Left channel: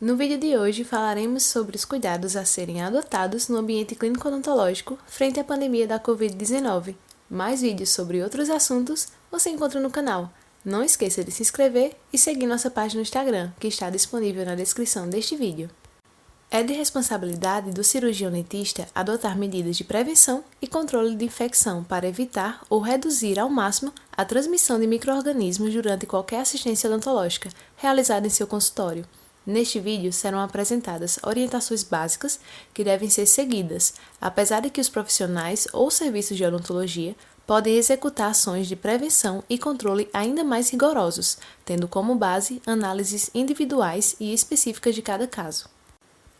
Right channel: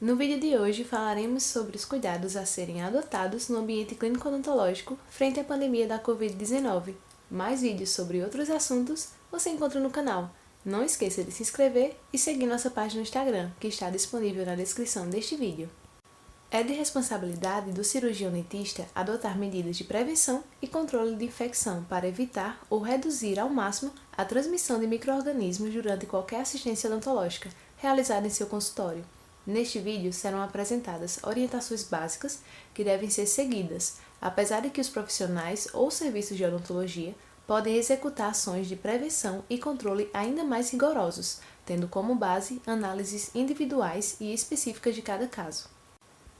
No vídeo de hoje falaremos sobre os cuidados a serem adotados no ambiente clínico odontológico frente à pandemia da Covid-19. Mais vídeos sobre outros assuntos você encontra no canal. Não esqueça de se inscrever e seguir nossa página no Instagram, que está disponível na descrição deste vídeo. É de responsabilidade do cirurgião dentista adotar medidas de prevenção e controle de infecção para evitar ou reduzir ao máximo a transmissão de micro-organismos durante qualquer assistência odontológica realizada em seu consultório. Neste vídeo serão apresentadas orientações básicas que devem ser seguidas, apesar de que os profissionais ou serviços de odontologia podem executar ações de prevenção e controle ainda mais rigorosos, tendo como base análises individuais e específicas de cada caso.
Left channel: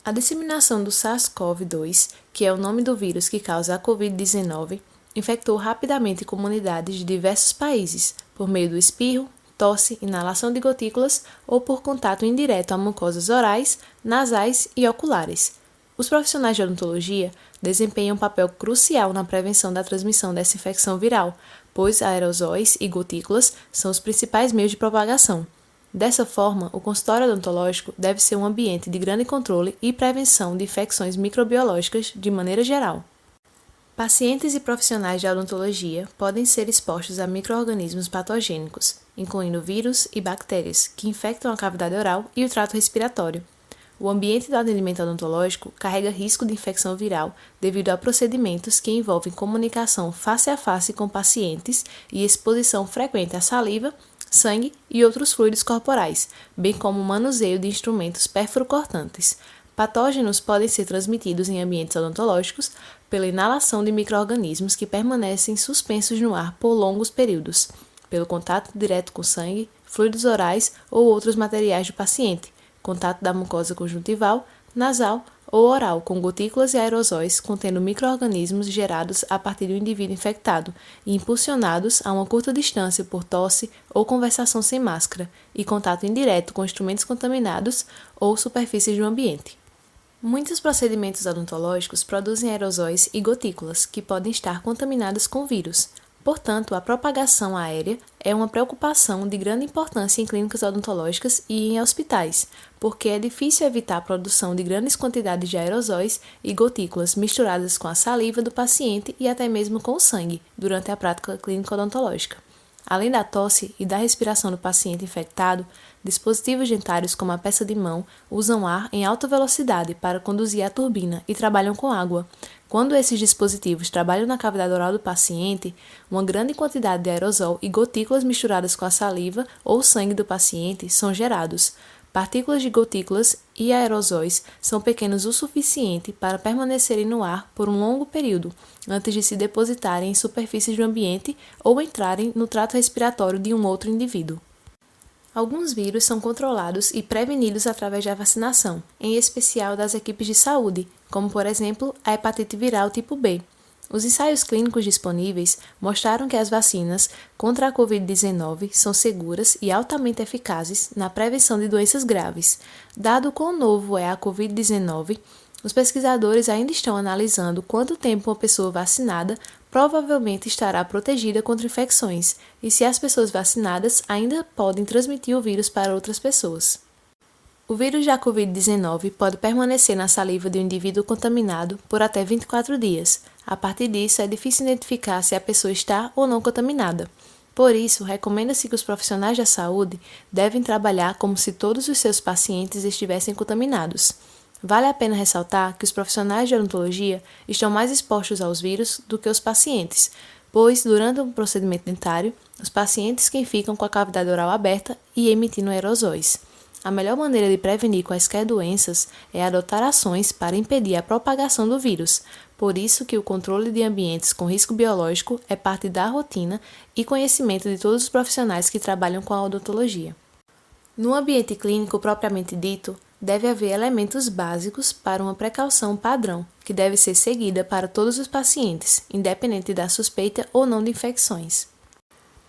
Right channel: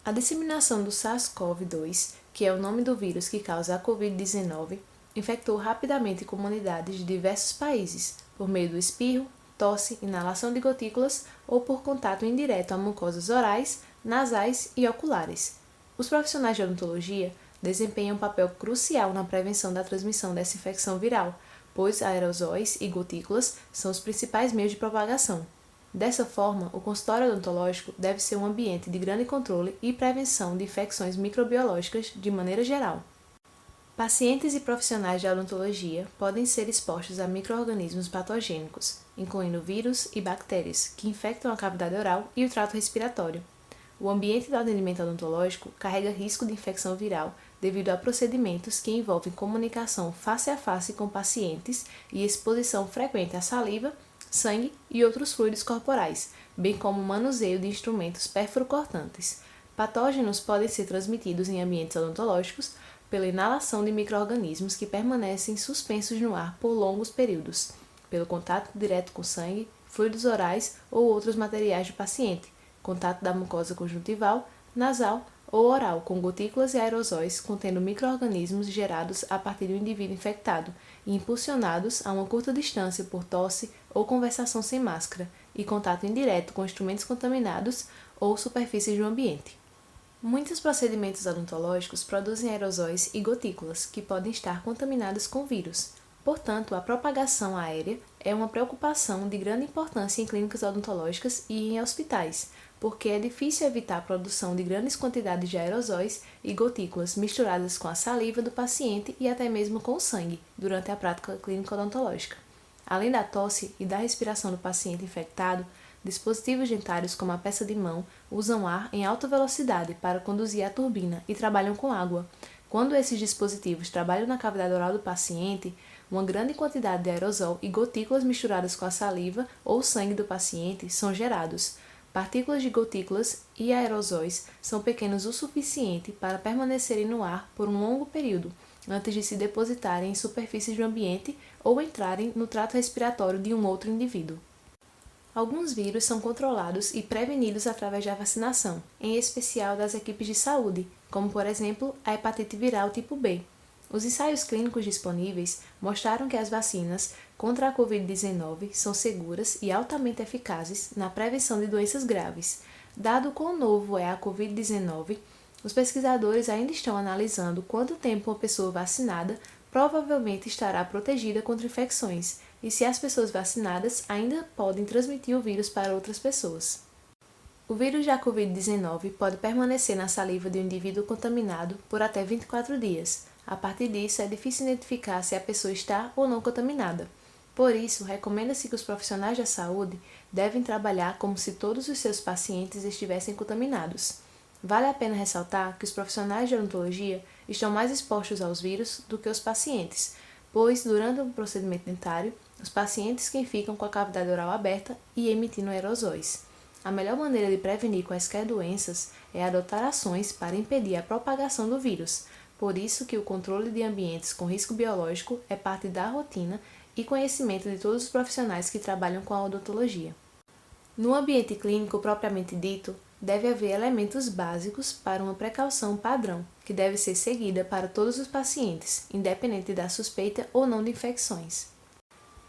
A disseminação do SARS-CoV-2, que é o nome do vírus que causa a Covid-19, infectou rapidamente comunidades de diversos países por meio do espirro, tosse, inalação de gotículas ou por contato indireto a mucosas orais, nasais e oculares. Os profissionais de odontologia desempenham um papel crucial na prevenção da transmissão dessa infecção viral, pois aerosóis e gotículas são os principais meios de propagação. Dessa forma, o consultório odontológico deve ser um ambiente de grande controle e prevenção de infecções microbiológicas de maneira geral. Pacientes e profissionais de odontologia podem ser expostos a micro-organismos patogênicos, incluindo vírus e bactérias, que infectam a cavidade oral e o trato respiratório. O ambiente do atendimento odontológico carrega risco de infecção viral devido a procedimentos que envolvem comunicação face a face com pacientes e exposição frequente à saliva, sangue e outros fluidos corporais, bem como o manuseio de instrumentos perfuro-cortantes. Patógenos podem ser transmitidos em ambientes odontológicos pela inalação de micro-organismos que permanecem suspensos no ar por longos períodos, pelo contato direto com sangue, fluidos orais ou outros materiais do paciente, contato da mucosa conjuntival, nasal ou oral com gotículas e aerosóis contendo micro-organismos gerados a partir do indivíduo infectado e impulsionados a uma curta distância por tosse ou conversação sem máscara e contato indireto com instrumentos contaminados ou superfícies do ambiente. Muitos procedimentos odontológicos produzem aerosóis e gotículas que podem estar contaminados com vírus. Portanto, a propagação aérea é uma preocupação de grande importância em clínicas odontológicas e em hospitais, porque é difícil evitar a produção de grandes quantidades de aerosóis e gotículas misturadas com a saliva do paciente e até mesmo com o sangue durante a prática clínica odontológica. Além da tosse e da respiração do paciente infectado, dispositivos dentários como a peça de mão usam ar em alta velocidade para conduzir a turbina e trabalham com água. Quando esses dispositivos trabalham na cavidade oral do paciente, uma grande quantidade de aerosol e gotículas misturadas com a saliva ou sangue do paciente são gerados. Partículas de gotículas e aerosóis são pequenos o suficiente para permanecerem no ar por um longo período, antes de se depositarem em superfícies do ambiente ou entrarem no trato respiratório de um outro indivíduo. Alguns vírus são controlados e prevenidos através da vacinação, em especial das equipes de saúde, como por exemplo a hepatite viral tipo B. Os ensaios clínicos disponíveis mostraram que as vacinas contra a Covid-19 são seguras e altamente eficazes na prevenção de doenças graves. Dado quão novo é a Covid-19, os pesquisadores ainda estão analisando quanto tempo uma pessoa vacinada provavelmente estará protegida contra infecções e se as pessoas vacinadas ainda podem transmitir o vírus para outras pessoas. O vírus da Covid-19 pode permanecer na saliva de um indivíduo contaminado por até 24 dias. A partir disso, é difícil identificar se a pessoa está ou não contaminada. Por isso, recomenda-se que os profissionais da saúde devem trabalhar como se todos os seus pacientes estivessem contaminados. Vale a pena ressaltar que os profissionais de odontologia estão mais expostos aos vírus do que os pacientes, pois, durante o procedimento dentário, os pacientes que ficam com a cavidade oral aberta e emitindo aerosóis. A melhor maneira de prevenir quaisquer doenças é adotar ações para impedir a propagação do vírus. Por isso que o controle de ambientes com risco biológico é parte da rotina e conhecimento de todos os profissionais que trabalham com a odontologia. No ambiente clínico propriamente dito, deve haver elementos básicos para uma precaução padrão, que deve ser seguida para todos os pacientes, independente da suspeita ou não de infecções.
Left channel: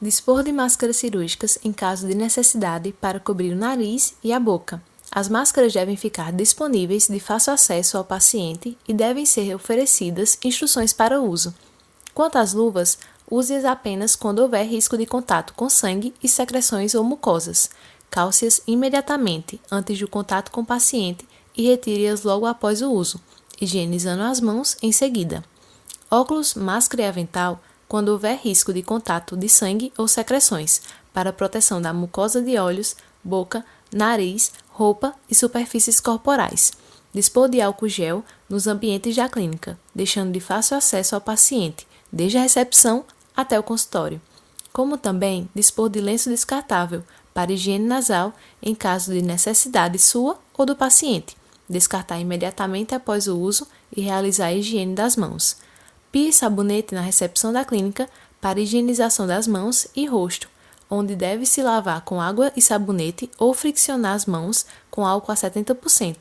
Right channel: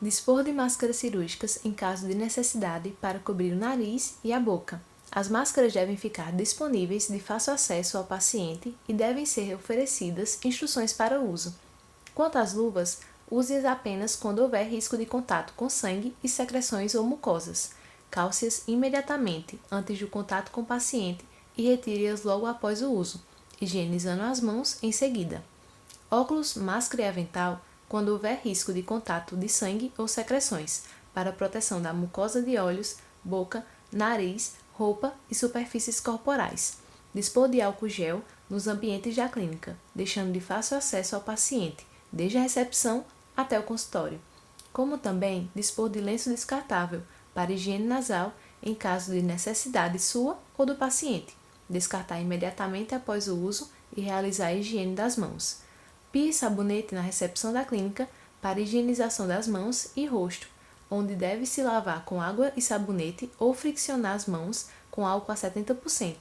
Dispor de máscaras cirúrgicas em caso de necessidade para cobrir o nariz e a boca. As máscaras devem ficar disponíveis de fácil acesso ao paciente e devem ser oferecidas instruções para o uso. Quanto às luvas, use-as apenas quando houver risco de contato com sangue e secreções ou mucosas. calce-as imediatamente antes do contato com o paciente e retire-as logo após o uso, higienizando as mãos em seguida. Óculos, máscara e avental quando houver risco de contato de sangue ou secreções, para proteção da mucosa de olhos, boca, nariz, roupa e superfícies corporais. Dispor de álcool gel nos ambientes da clínica, deixando de fácil acesso ao paciente, desde a recepção até o consultório. Como também dispor de lenço descartável para higiene nasal em caso de necessidade sua ou do paciente. Descartar imediatamente após o uso e realizar a higiene das mãos. Pia e sabonete na recepção da clínica para higienização das mãos e rosto, onde deve-se lavar com água e sabonete ou friccionar as mãos com álcool a 70%,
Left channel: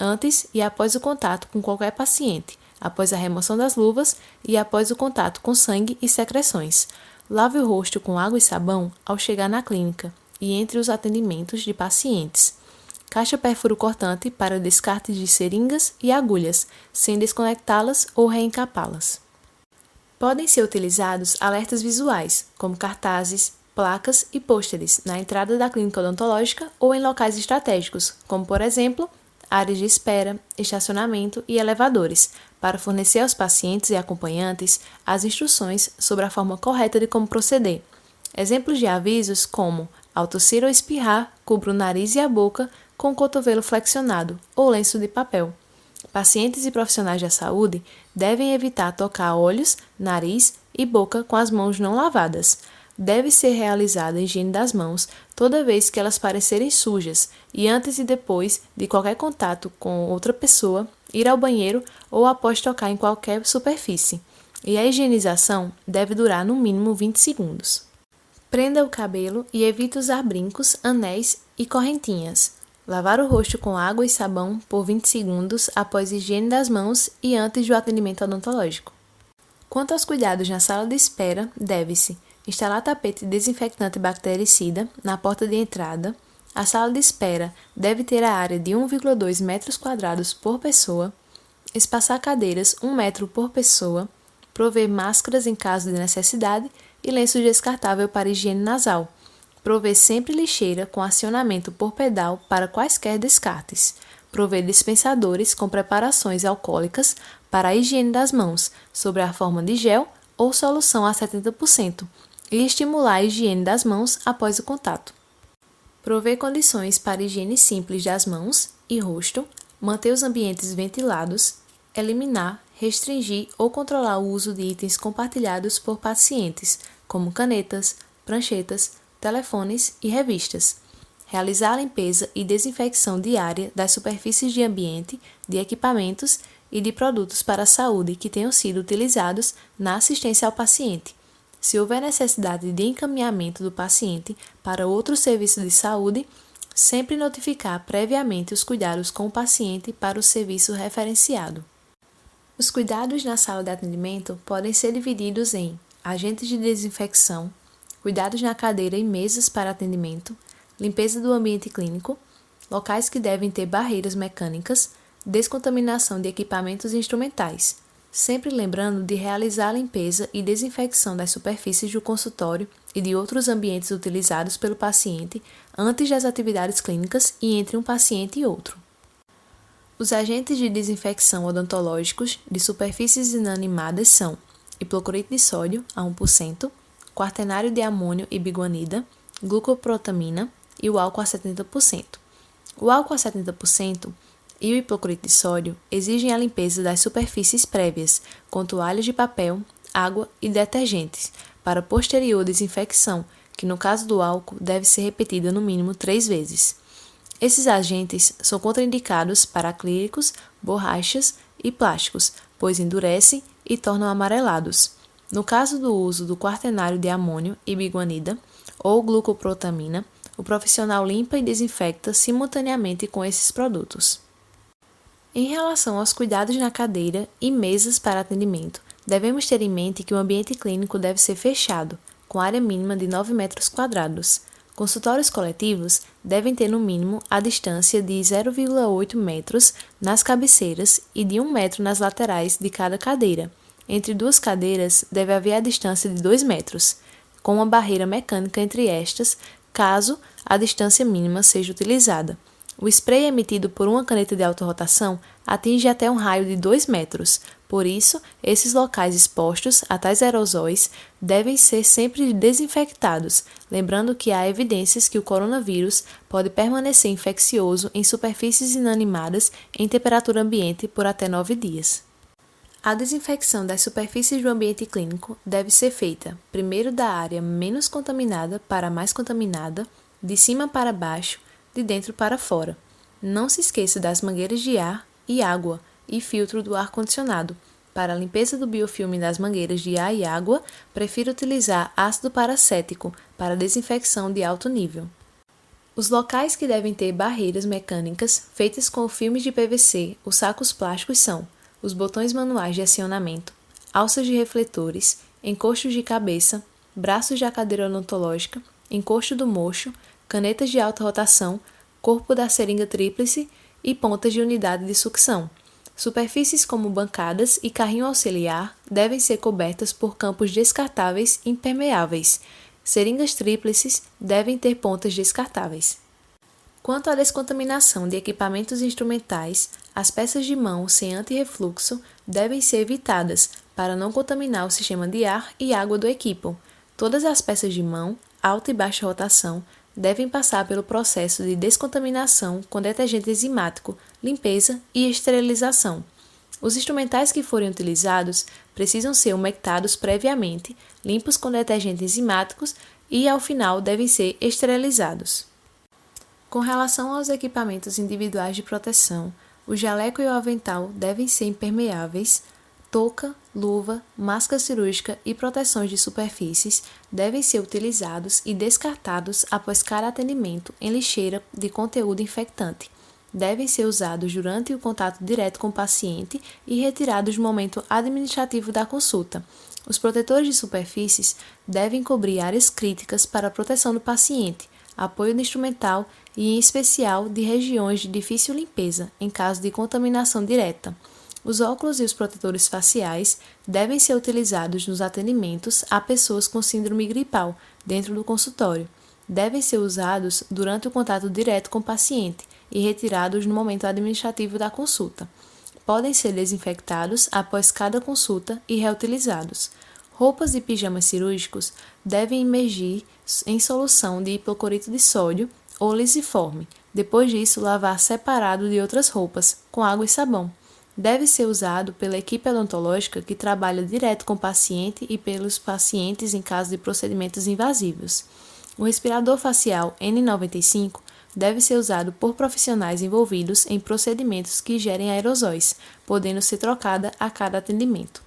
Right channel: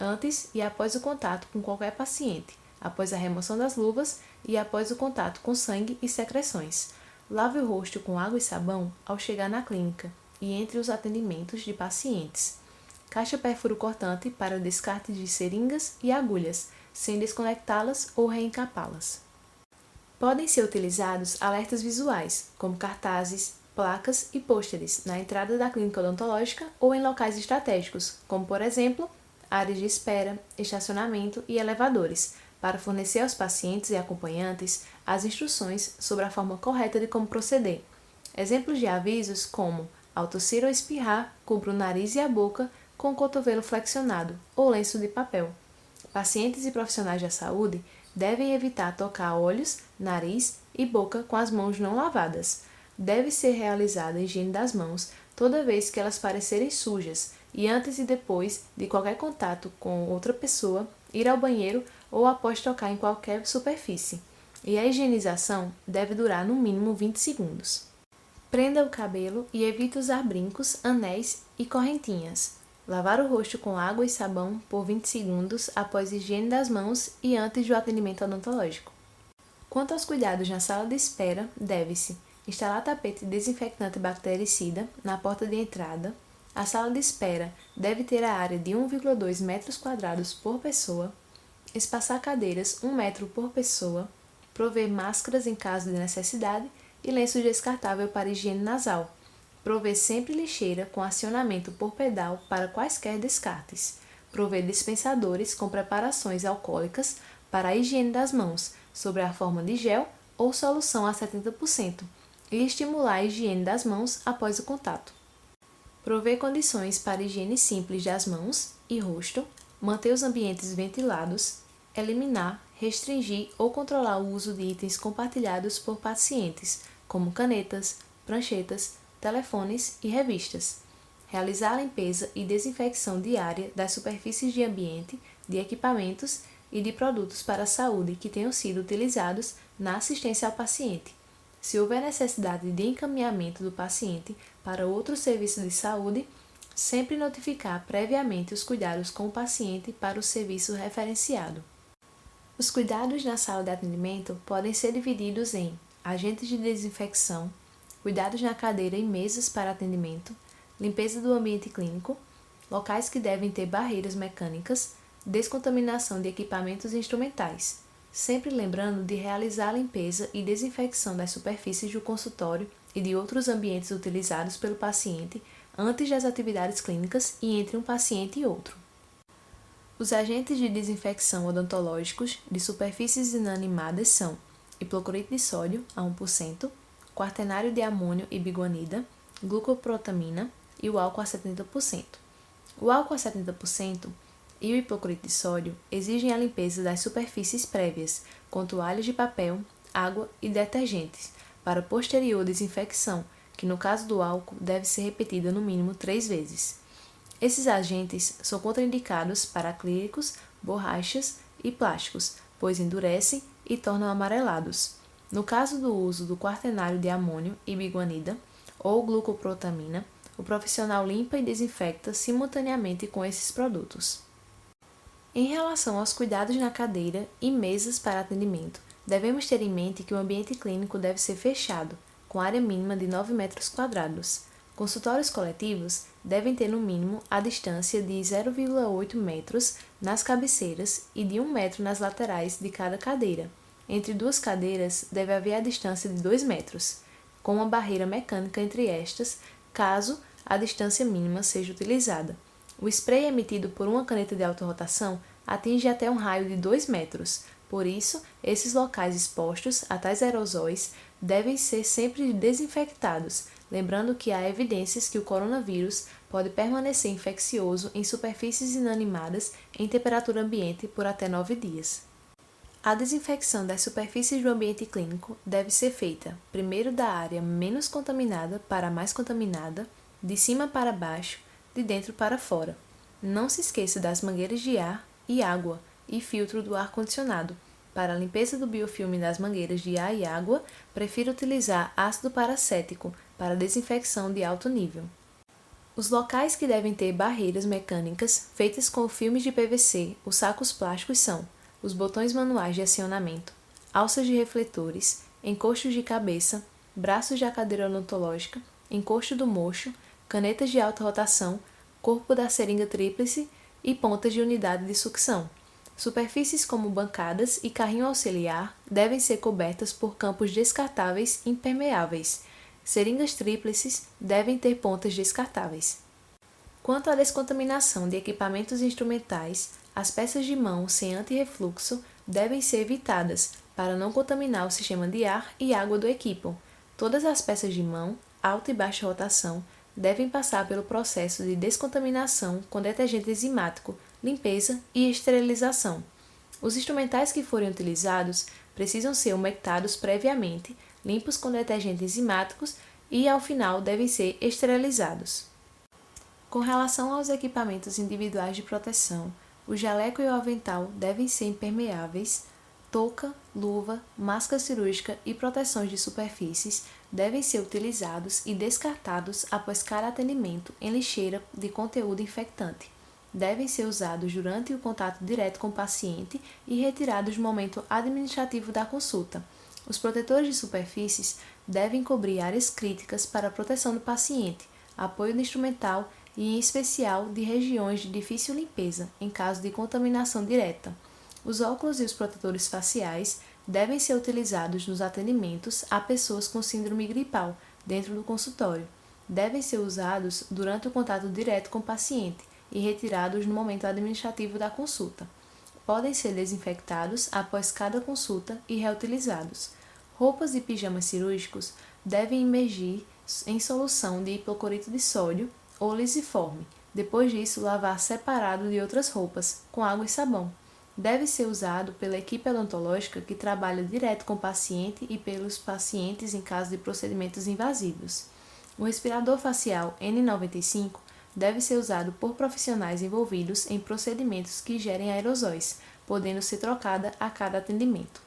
antes e após o contato com qualquer paciente, após a remoção das luvas e após o contato com sangue e secreções. Lave o rosto com água e sabão ao chegar na clínica e entre os atendimentos de pacientes. Caixa perfuro-cortante para descarte de seringas e agulhas, sem desconectá-las ou reencapá-las. Podem ser utilizados alertas visuais, como cartazes, placas e pôsteres na entrada da clínica odontológica ou em locais estratégicos, como, por exemplo, áreas de espera, estacionamento e elevadores, para fornecer aos pacientes e acompanhantes as instruções sobre a forma correta de como proceder. Exemplos de avisos como, ao tossir ou espirrar, cubra o nariz e a boca com o cotovelo flexionado ou lenço de papel. Pacientes e profissionais da saúde devem evitar tocar olhos, nariz e boca com as mãos não lavadas. Deve ser realizada a higiene das mãos toda vez que elas parecerem sujas e antes e depois de qualquer contato com outra pessoa, ir ao banheiro ou após tocar em qualquer superfície. E a higienização deve durar no mínimo 20 segundos. Prenda o cabelo e evite usar brincos, anéis e correntinhas. Lavar o rosto com água e sabão por 20 segundos após a higiene das mãos e antes do atendimento odontológico. Quanto aos cuidados na sala de espera, deve-se instalar tapete desinfectante bactericida na porta de entrada. A sala de espera deve ter a área de 1,2 metros quadrados por pessoa. Espaçar cadeiras 1 metro por pessoa. Prover máscaras em caso de necessidade e lenço descartável para higiene nasal. Prover sempre lixeira com acionamento por pedal para quaisquer descartes. Prover dispensadores com preparações alcoólicas para a higiene das mãos, sob a forma de gel ou solução a 70%, e estimular a higiene das mãos após o contato. Prover condições para higiene simples das mãos e rosto, manter os ambientes ventilados, eliminar, restringir ou controlar o uso de itens compartilhados por pacientes, como canetas, pranchetas, telefones e revistas. Realizar a limpeza e desinfecção diária das superfícies de ambiente, de equipamentos e de produtos para a saúde que tenham sido utilizados na assistência ao paciente. Se houver necessidade de encaminhamento do paciente para outro serviço de saúde, sempre notificar previamente os cuidados com o paciente para o serviço referenciado. Os cuidados na sala de atendimento podem ser divididos em agentes de desinfecção, cuidados na cadeira e mesas para atendimento, limpeza do ambiente clínico, locais que devem ter barreiras mecânicas, descontaminação de equipamentos instrumentais, sempre lembrando de realizar a limpeza e desinfecção das superfícies do consultório e de outros ambientes utilizados pelo paciente antes das atividades clínicas e entre um paciente e outro. Os agentes de desinfecção odontológicos de superfícies inanimadas são hipoclorito de sódio a 1%, quaternário de amônio e biguanida, glucoprotamina e o álcool a 70%. O álcool a 70% e o hipoclorito de sódio exigem a limpeza das superfícies prévias, com toalhas de papel, água e detergentes, para posterior desinfecção, que no caso do álcool deve ser repetida no mínimo 3 vezes. Esses agentes são contraindicados para acrílicos, borrachas e plásticos, pois endurecem e tornam amarelados. No caso do uso do quaternário de amônio e biguanida ou glucoprotamina, o profissional limpa e desinfecta simultaneamente com esses produtos. Em relação aos cuidados na cadeira e mesas para atendimento, devemos ter em mente que o ambiente clínico deve ser fechado, com área mínima de 9 metros quadrados. Consultórios coletivos devem ter no mínimo a distância de 0,8 metros nas cabeceiras e de 1 metro nas laterais de cada cadeira. Entre duas cadeiras deve haver a distância de 2 metros, com uma barreira mecânica entre estas, caso a distância mínima seja utilizada. O spray emitido por uma caneta de autorrotação atinge até um raio de 2 metros. Por isso, esses locais expostos a tais aerosóis devem ser sempre desinfectados, lembrando que há evidências que o coronavírus pode permanecer infeccioso em superfícies inanimadas em temperatura ambiente por até 9 dias. A desinfecção das superfícies do ambiente clínico deve ser feita primeiro da área menos contaminada para a mais contaminada, de cima para baixo, de dentro para fora. Não se esqueça das mangueiras de ar e água e filtro do ar-condicionado. Para a limpeza do biofilme das mangueiras de ar e água, prefiro utilizar ácido paracético para desinfecção de alto nível. Os locais que devem ter barreiras mecânicas feitas com filmes de PVC ou sacos plásticos são os botões manuais de acionamento, alças de refletores, encostos de cabeça, braços da cadeira odontológica, encosto do mocho, canetas de alta rotação, corpo da seringa tríplice e pontas de unidade de sucção. Superfícies como bancadas e carrinho auxiliar devem ser cobertas por campos descartáveis impermeáveis. Seringas tríplices devem ter pontas descartáveis. Quanto à descontaminação de equipamentos instrumentais, as peças de mão sem antirrefluxo devem ser evitadas para não contaminar o sistema de ar e água do equipo. Todas as peças de mão, alta e baixa rotação, devem passar pelo processo de descontaminação com detergente enzimático, limpeza e esterilização. Os instrumentais que forem utilizados precisam ser umectados previamente, limpos com detergentes enzimáticos e, ao final, devem ser esterilizados. Com relação aos equipamentos individuais de proteção, o jaleco e o avental devem ser impermeáveis, touca, luva, máscara cirúrgica e proteções de superfícies devem ser utilizados e descartados após cada atendimento em lixeira de conteúdo infectante. Devem ser usados durante o contato direto com o paciente e retirados no momento administrativo da consulta. Os protetores de superfícies devem cobrir áreas críticas para a proteção do paciente, apoio do instrumental e, em especial, de regiões de difícil limpeza, em caso de contaminação direta. Os óculos e os protetores faciais devem ser utilizados nos atendimentos a pessoas com síndrome gripal dentro do consultório. Devem ser usados durante o contato direto com o paciente e retirados no momento administrativo da consulta. Podem ser desinfectados após cada consulta e reutilizados. Roupas e pijamas cirúrgicos devem imergir em solução de hipoclorito de sódio ou lisiforme. Depois disso, lavar separado de outras roupas, com água e sabão. Deve ser usado pela equipe odontológica que trabalha direto com o paciente e pelos pacientes em caso de procedimentos invasivos. O respirador facial N95 deve ser usado por profissionais envolvidos em procedimentos que gerem aerosóis, podendo ser trocada a cada atendimento.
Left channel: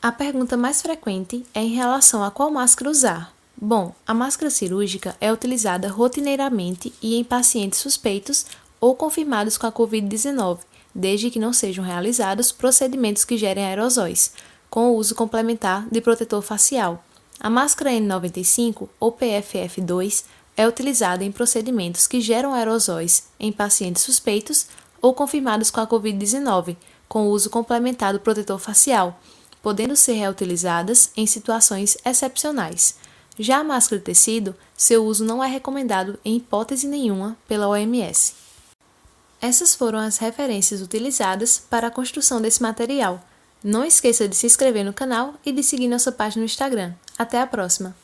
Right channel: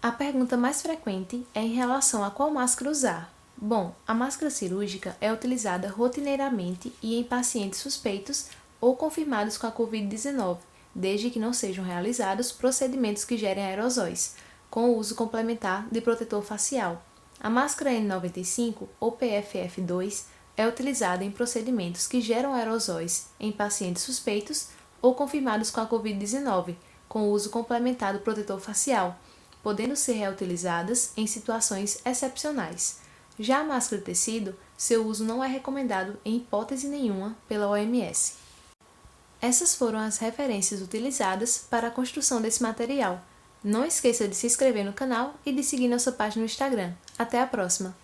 A pergunta mais frequente é em relação a qual máscara usar. Bom, a máscara cirúrgica é utilizada rotineiramente e em pacientes suspeitos ou confirmados com a Covid-19, desde que não sejam realizados procedimentos que gerem aerosóis, com o uso complementar de protetor facial. A máscara N95 ou PFF2 é utilizada em procedimentos que geram aerosóis em pacientes suspeitos ou confirmados com a Covid-19, com o uso complementar do protetor facial, podendo ser reutilizadas em situações excepcionais. Já a máscara de tecido, seu uso não é recomendado em hipótese nenhuma pela OMS. Essas foram as referências utilizadas para a construção desse material. Não esqueça de se inscrever no canal e de seguir nossa página no Instagram. Até a próxima!